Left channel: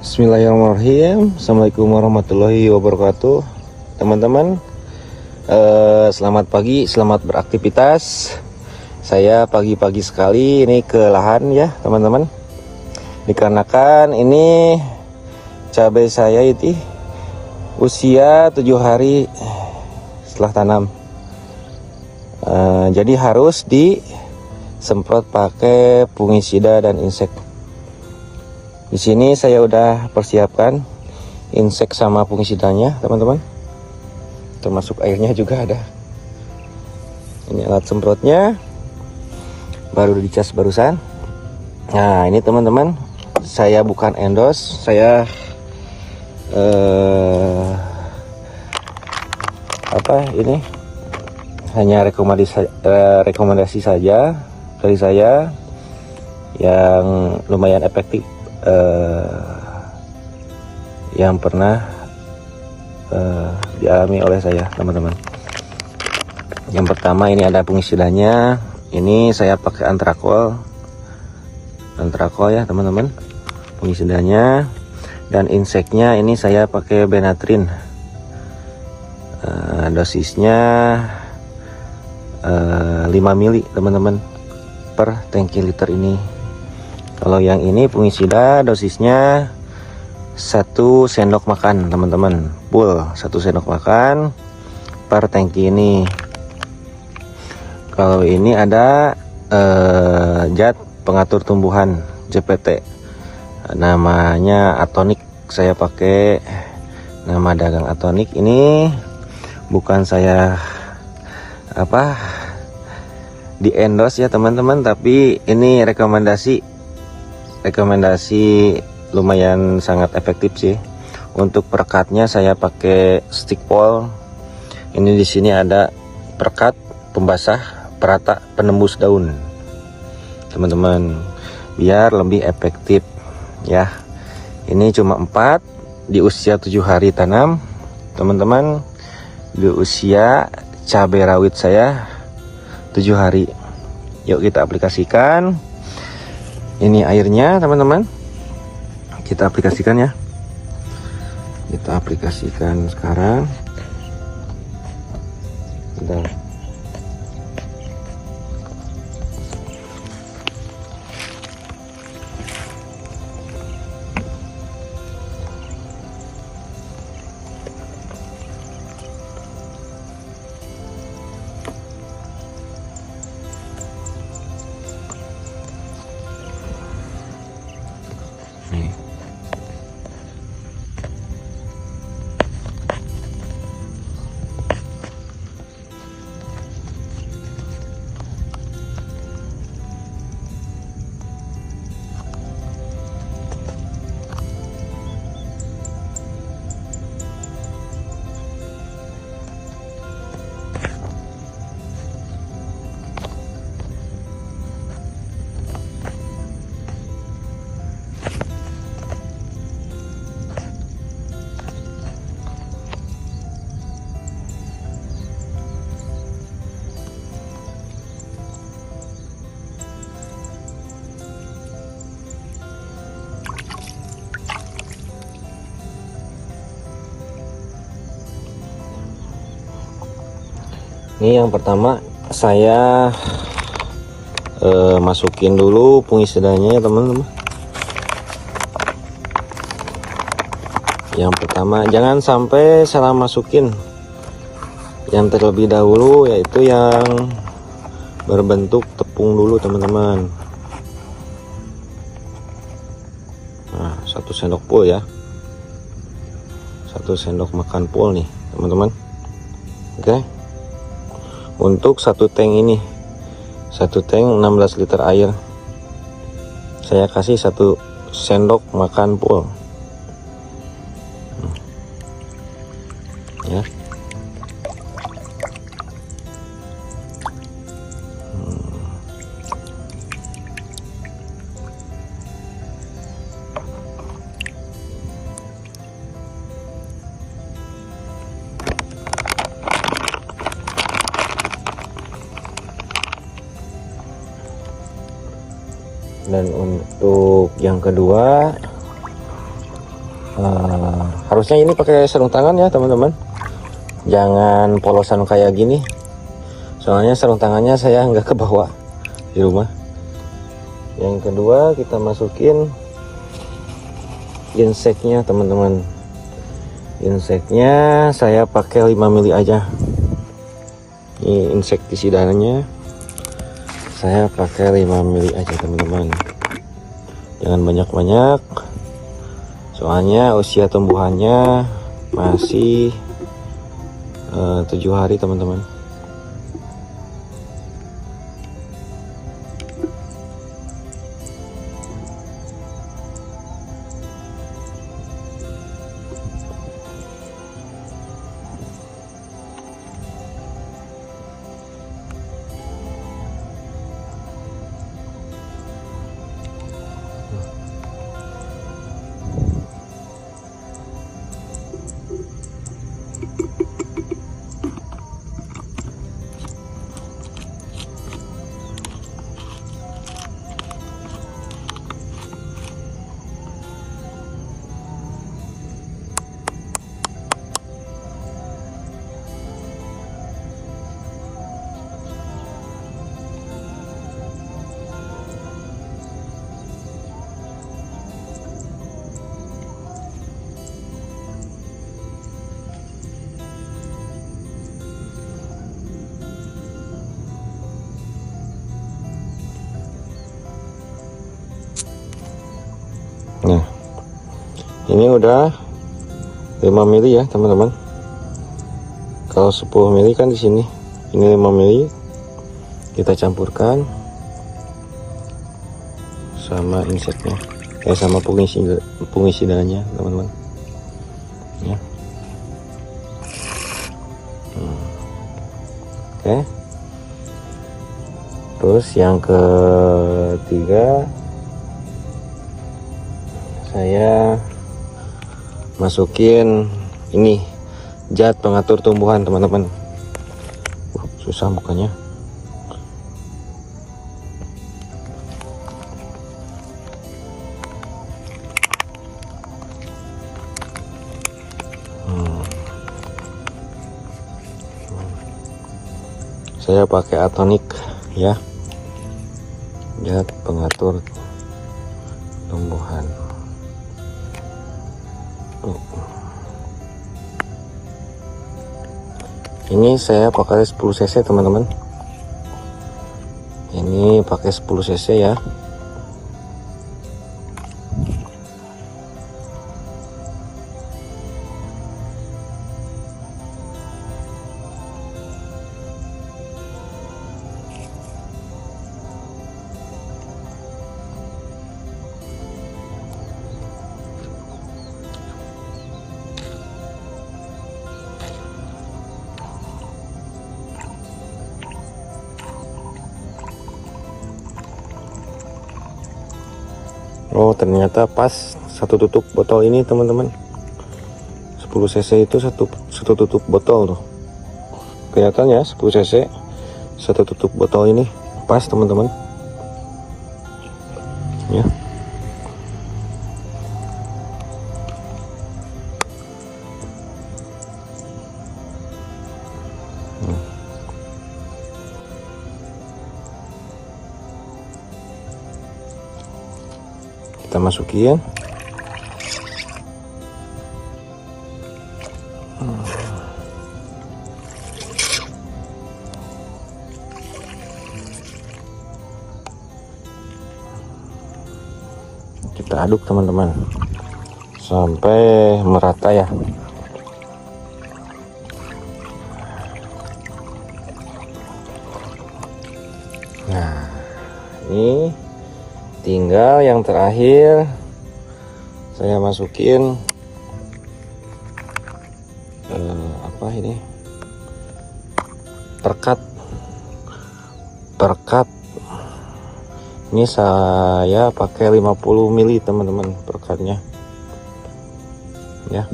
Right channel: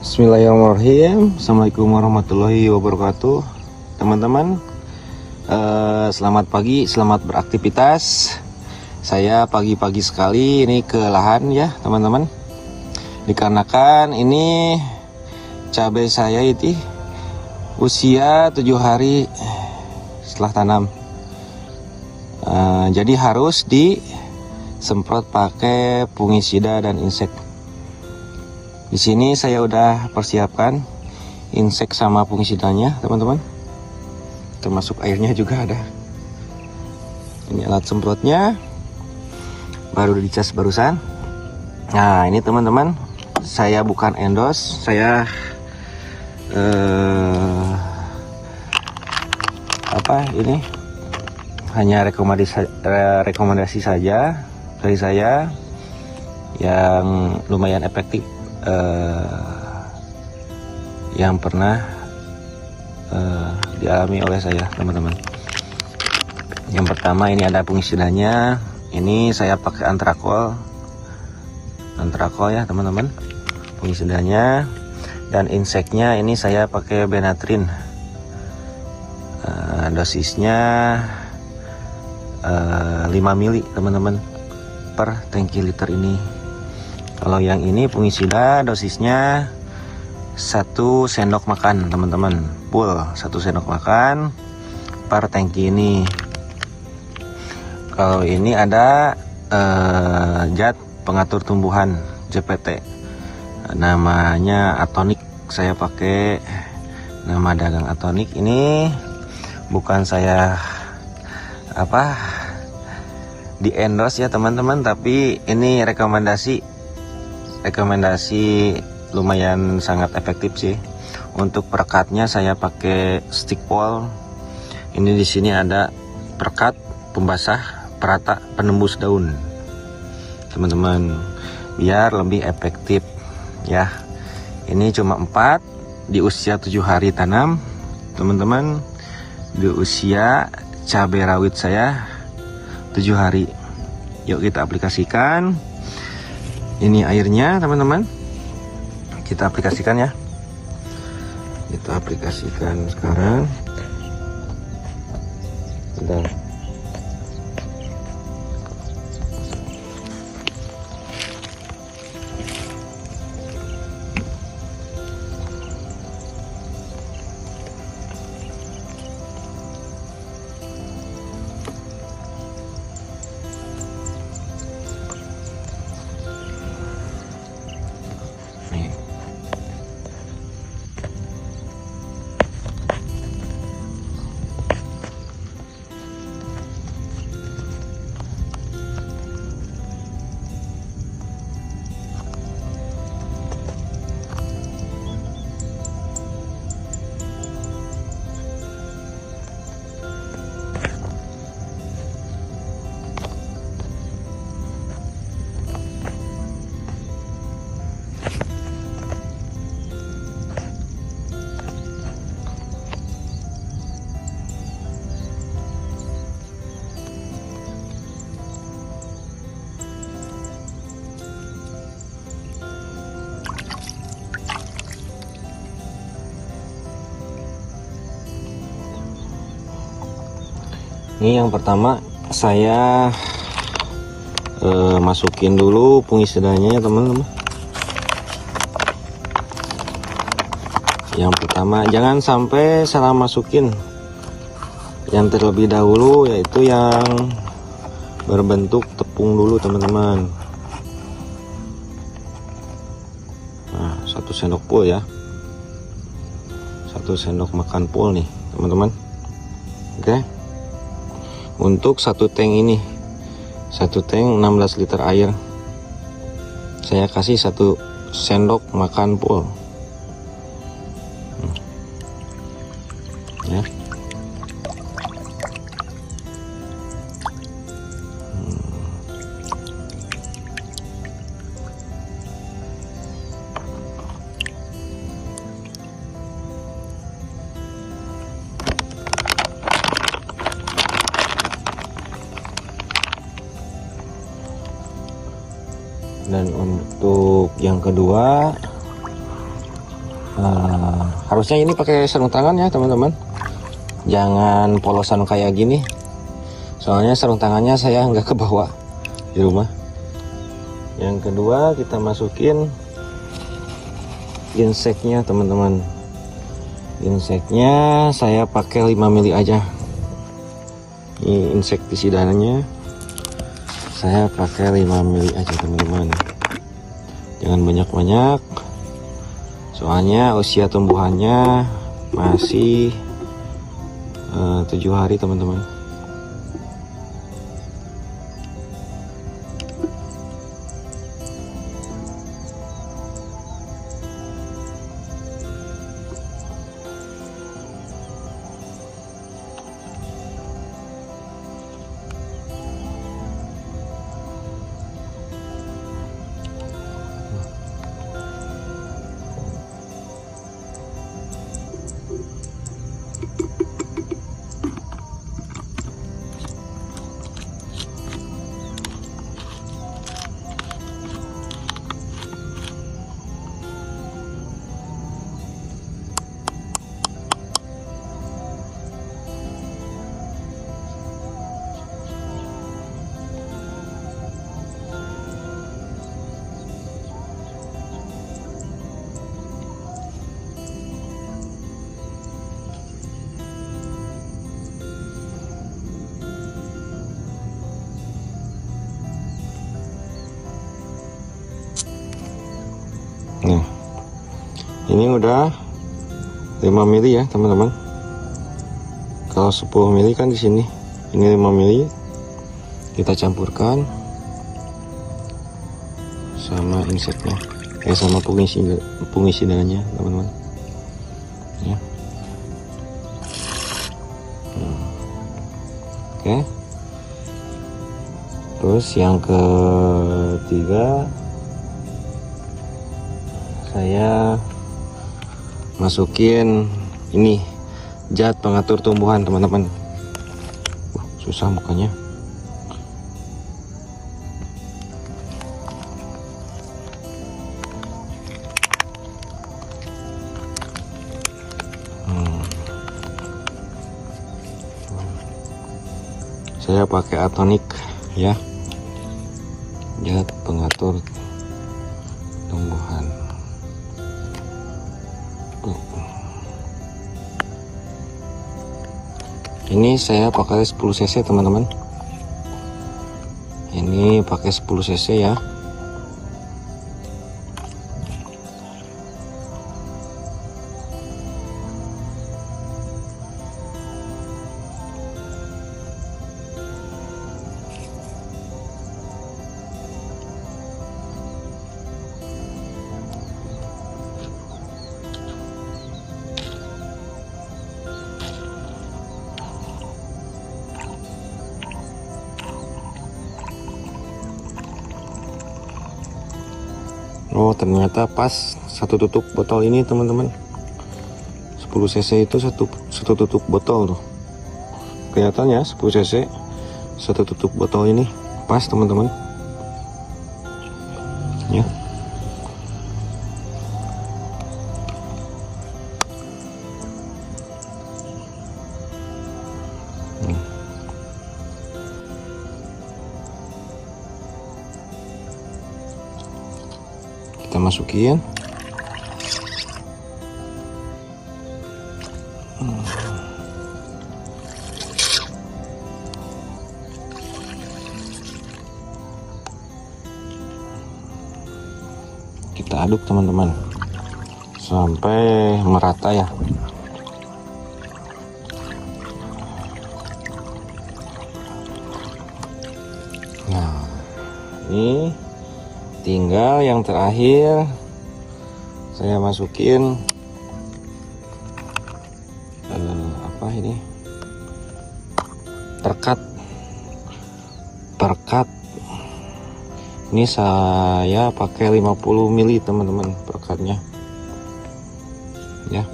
Bismillahirrahmanirrahim. Assalamualaikum warahmatullahi wabarakatuh. Teman-teman, selamat pagi, selamat beraktivitas. Saya pagi-pagi sekali ini ke lahan ya teman-teman. Dikarenakan ini cabai saya itu usia 7 hari setelah tanam. Jadi harus disemprot pakai fungisida dan insek. Di sini saya udah persiapkan insek sama fungisidanya, teman-teman. Termasuk airnya juga ada. Ini alat semprotnya, baru dicas barusan. Nah, ini teman-teman, saya bukan endorse, saya ini hanya rekomendasi saja dari saya yang lumayan efektif. Yang pernah dialami oleh saya, teman-teman. Yang pertama ini ada fungisidanya. Ini saya pakai antrakol ya teman-teman, fungisidanya. Dan inseknya ini saya pakai Benatrin. Dosisnya 5 mili teman-teman per tangki liter ini. Kalau yang ini fungisida dosisnya 1 sendok makan teman-teman, full 1 sendok makan per tangki ini. Kalau ini ada zat pengatur tumbuhan JPT, namanya Atonik. Saya pakai nama dagang Atonik. Ini bukan saya di endorse ya teman-teman, tapi ini rekomendasi lumayan sangat efektif sih. Untuk perekatnya saya pakai stick pole. Ini di sini ada perekat pembasah perata penembus daun teman-teman, biar lebih efektif ya. Ini cuma 4 di usia 7 hari tanam teman-teman, di usia cabai rawit saya 7 hari. Yuk kita aplikasikan. Ini airnya teman-teman, kita aplikasikan ya. Kita aplikasikan sekarang. Udah. Ini yang pertama saya masukin dulu fungisidanya teman-teman. Yang pertama jangan sampai salah masukin. Yang terlebih dahulu yaitu yang berbentuk tepung dulu teman-teman. Nah, 1 sendok full ya, 1 sendok makan full nih teman-teman. Oke. Untuk 1 tank ini, 1 tank 16 liter air, saya kasih 1 sendok makan full ya. Dan untuk yang kedua Harusnya ini pakai sarung tangan ya teman-teman, jangan polosan kayak gini, soalnya sarung tangannya saya nggak kebawa di rumah. Yang kedua kita masukin inseknya teman-teman. Inseknya saya pakai 5 mili aja. Ini insektisidanya saya pakai 5 mili aja teman-teman, jangan banyak-banyak, soalnya usia tumbuhannya masih 7 hari teman-teman. Nah, ini udah 5 mili ya teman-teman. Kalau 10 mili kan di sini, ini 5 mili. Kita campurkan sama inseknya, sama fungisidanya teman-teman. Oke. Terus yang ketiga, saya masukin ini zat pengatur tumbuhan teman-teman. Susah bukannya. Saya pakai atonik ya, zat pengatur tumbuhan. Ini saya pakai 10 cc teman-teman. Ini pakai 10 cc ya. Oh, ternyata pas satu tutup botol ini teman-teman. 10 cc itu satu tutup botol tuh. Kelihatan ya, 10 cc satu tutup botol ini pas teman-teman. Ya. Kita masukin. Kita aduk teman-teman sampai merata ya. Nah, ini tinggal yang terakhir saya masukin apa ini, perkat. Ini saya pakai 50 mili teman-teman perkatnya ya.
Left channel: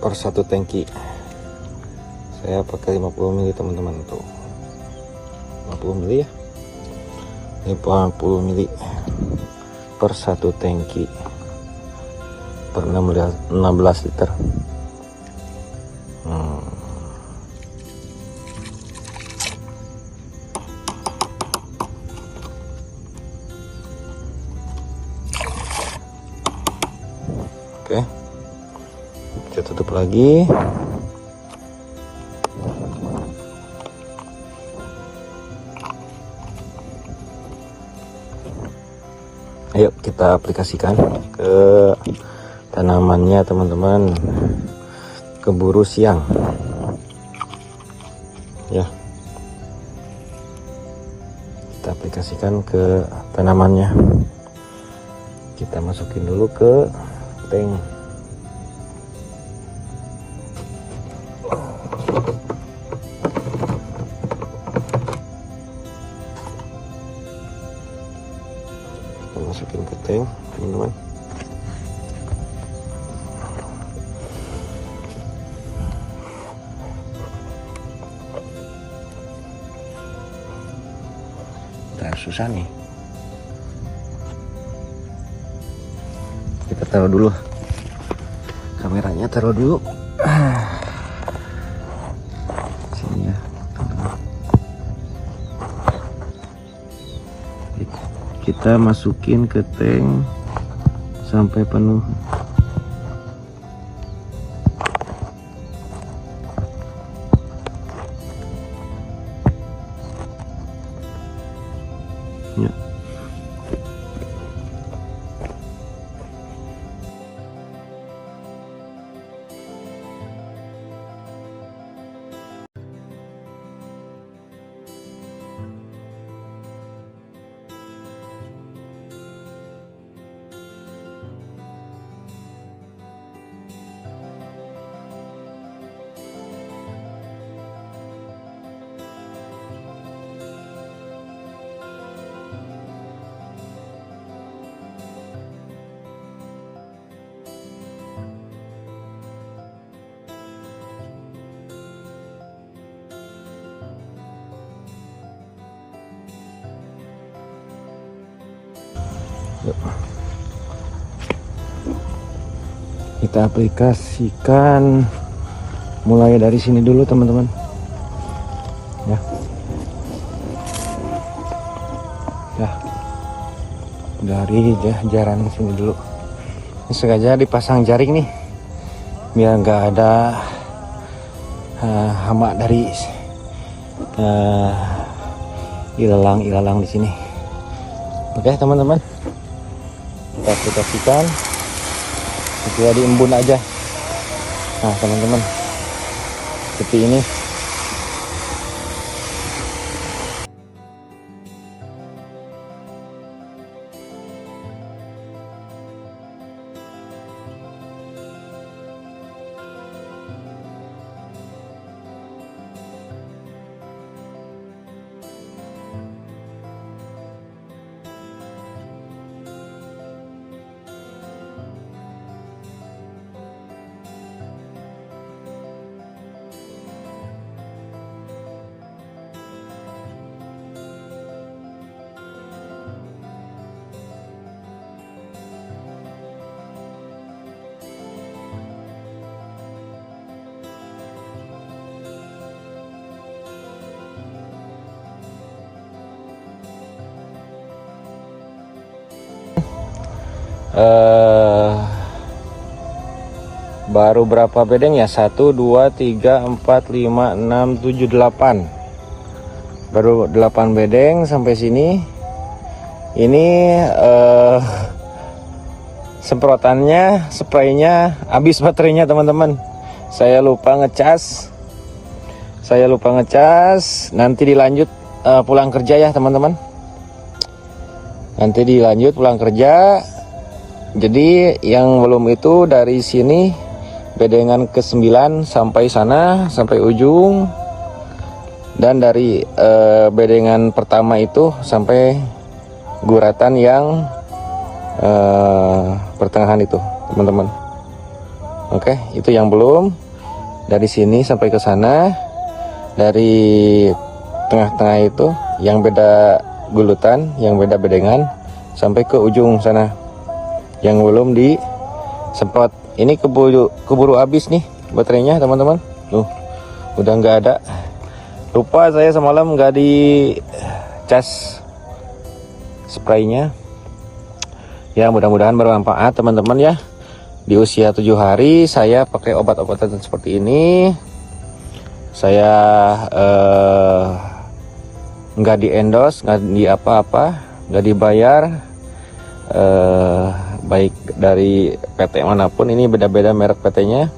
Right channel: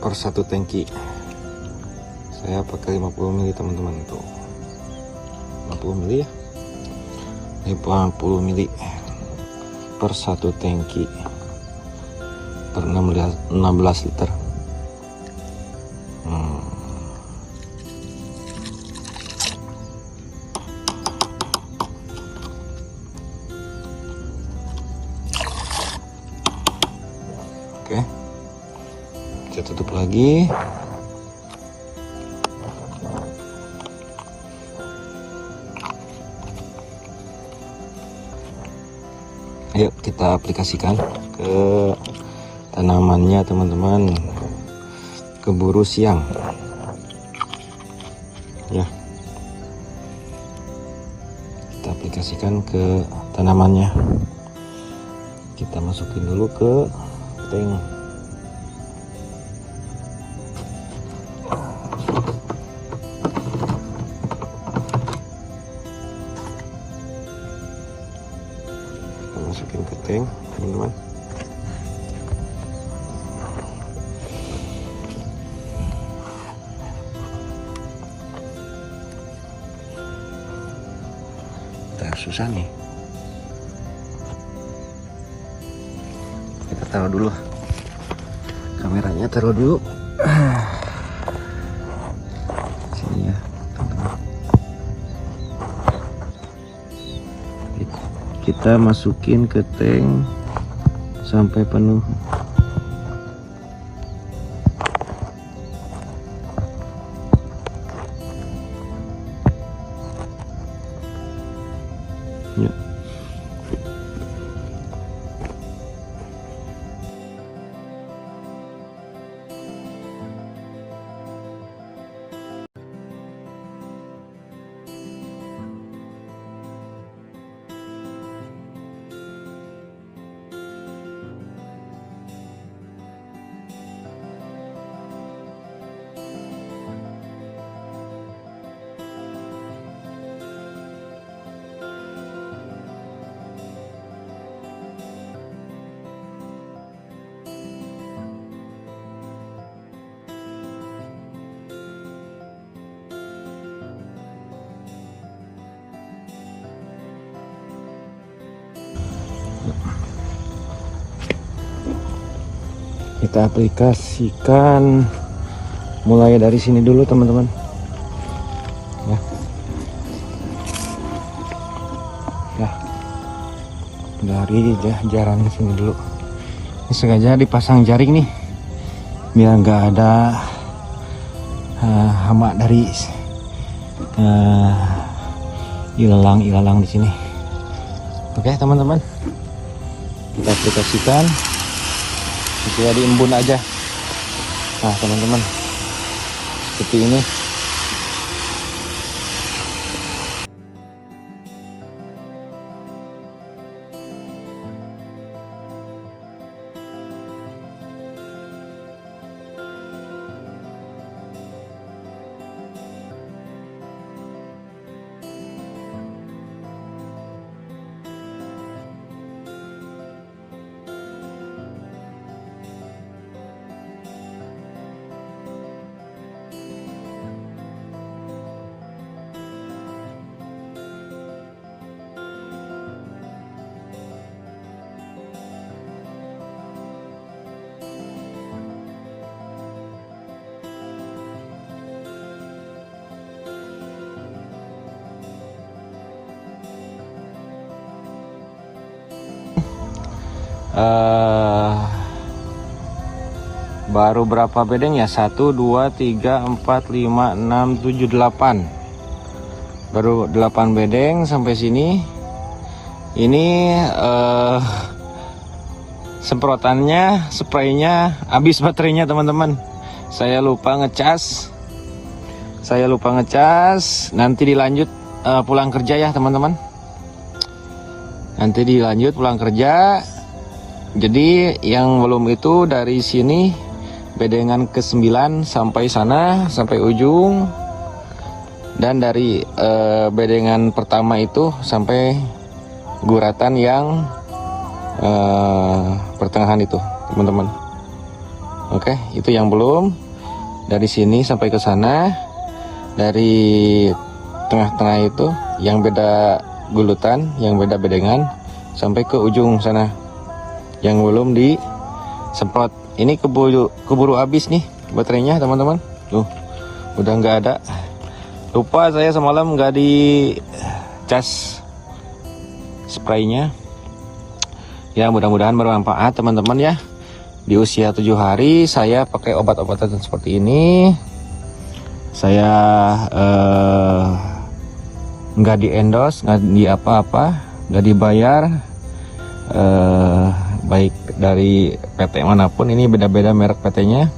Per 1 tangki Saya pakai 50 ml teman-teman, tuh 50 ml ya, 50 ml per 1 tangki per 16 liter. Oke, kita tutup lagi. Ayo kita aplikasikan ke tanamannya teman-teman, keburu siang ya. Kita aplikasikan ke tanamannya, kita masukin dulu ke tank. Masukin ke tank ini. Susah nih, kita taruh dulu kameranya, taruh dulu. Sini. Kita masukin ke tank sampai penuh. Ya. Kita aplikasikan mulai dari sini dulu teman-teman ya. Dari jaran ke sini dulu. Ini sengaja dipasang jaring nih biar nggak ada hama dari ilalang di sini. Oke teman-teman, kita aplikasikan sesuai diembun aja. Nah teman-teman, seperti ini. Baru berapa bedeng ya? 1, 2, 3, 4, 5, 6, 7, 8. Baru 8 bedeng sampai sini. Ini semprotannya, spraynya habis baterainya teman-teman. Saya lupa ngecas. Nanti dilanjut pulang kerja ya teman-teman. Nanti dilanjut pulang kerja. Jadi yang belum itu dari sini bedengan ke-9 sampai sana, sampai ujung. Dan dari bedengan pertama itu sampai guratan yang pertengahan itu teman-teman. Oke, itu yang belum. dari sini sampai ke sana, dari tengah-tengah itu yang beda gulutan, yang beda bedengan, sampai ke ujung sana yang belum disemprot. Ini keburu habis nih baterainya teman-teman. Udah nggak ada. Lupa saya semalam nggak di cas spraynya. Ya mudah-mudahan bermanfaat teman-teman ya. Di usia 7 hari saya pakai obat-obatan seperti ini. Saya nggak di endorse, nggak di apa-apa, nggak dibayar, baik dari PT manapun. Ini beda-beda merek PT-nya,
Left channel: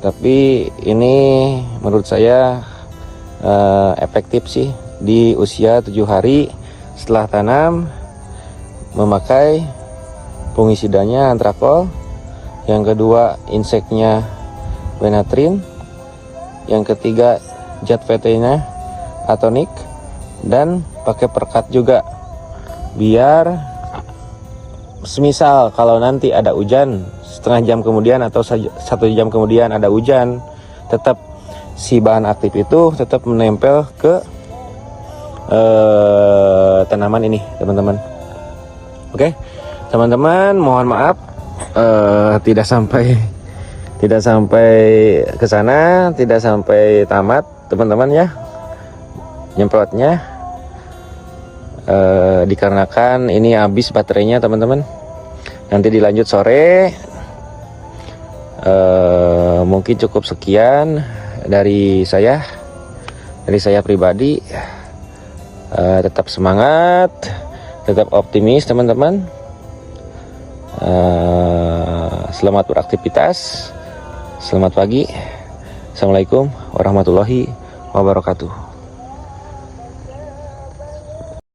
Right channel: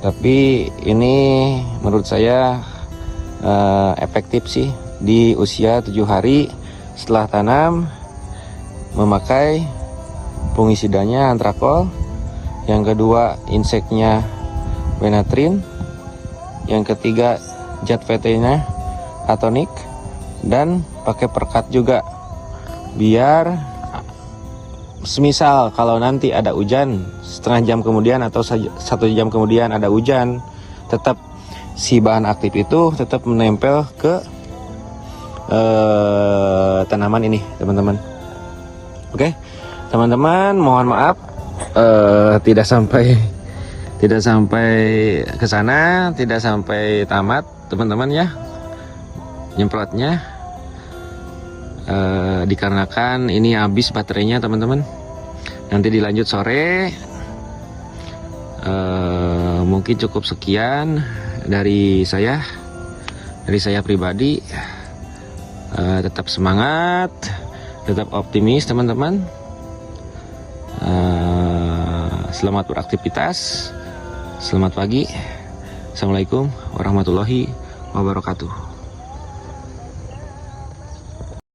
tapi ini menurut saya efektif sih di usia 7 hari setelah tanam, memakai fungisidanya Antrakol, yang kedua inseknya Benatrin, yang ketiga zat VT-nya Atonik, dan pakai perkat juga, biar semisal kalau nanti ada hujan setengah jam kemudian atau 1 jam kemudian ada hujan, tetap si bahan aktif itu tetap menempel ke tanaman ini teman-teman. Oke teman-teman, mohon maaf tidak sampai ke sana, tidak sampai tamat teman-teman ya nyemprotnya, dikarenakan ini habis baterainya teman-teman. Nanti dilanjut sore. Mungkin cukup sekian dari saya pribadi. Tetap semangat, tetap optimis teman-teman. Selamat beraktivitas, selamat pagi. Assalamualaikum warahmatullahi wabarakatuh.